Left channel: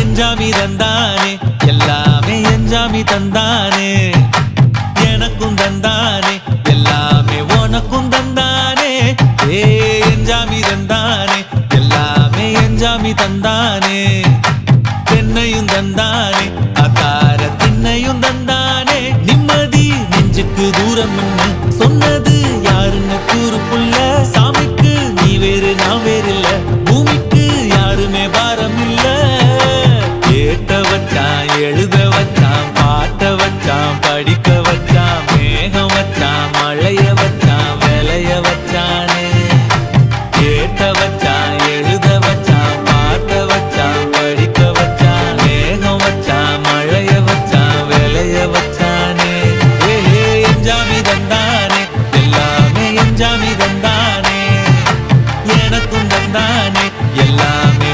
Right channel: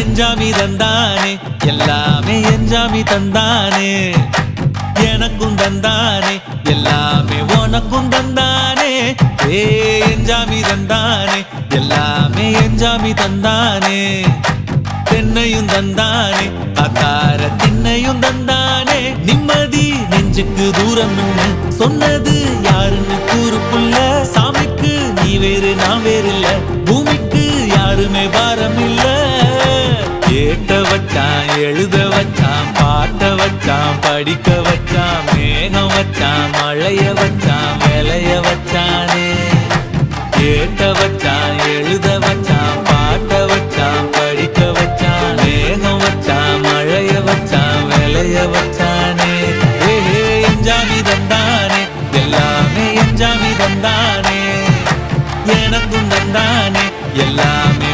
எஞ்சாமி தந்தானே எல்லாமே எஞ்சாமி தந்தானே எனக்கும் தந்தானே எல்லாமே உனக்கும் தந்தானே ஏ எஞ்சாமி தந்தானே எல்லாமே எஞ்சாமி தந்தானே தென்னையும் தந்தானே அத்தார திண்ணையும் தந்தானே நிம்மதி நெஞ்சுக்கு தூரம்னு சொன்னது யாருன்னு கூறு புள்ள சாமிக்கு நீ வேறு நான் வேறு இல்ல பூமிக்கு யாருமே பாரம் இல்ல ஏட்ட வச்சான் எழுத வச்சான் பாட்ட வச்சான் படிக்க வச்சான் மேகம் வச்சான் மழைய வச்சான் விளைய வச்சானே ஏட்ட வச்சான் எழுத வச்சான் பாட்ட வச்சான் படிக்க வச்சான் மேகம் வச்சான் மழைய வச்சான் விளைய வச்சானே ஏஹே எஞ்சாமி தந்தானே எல்லாமே எஞ்சாமி தந்தானே எனக்கும் தந்தானே எல்லாமே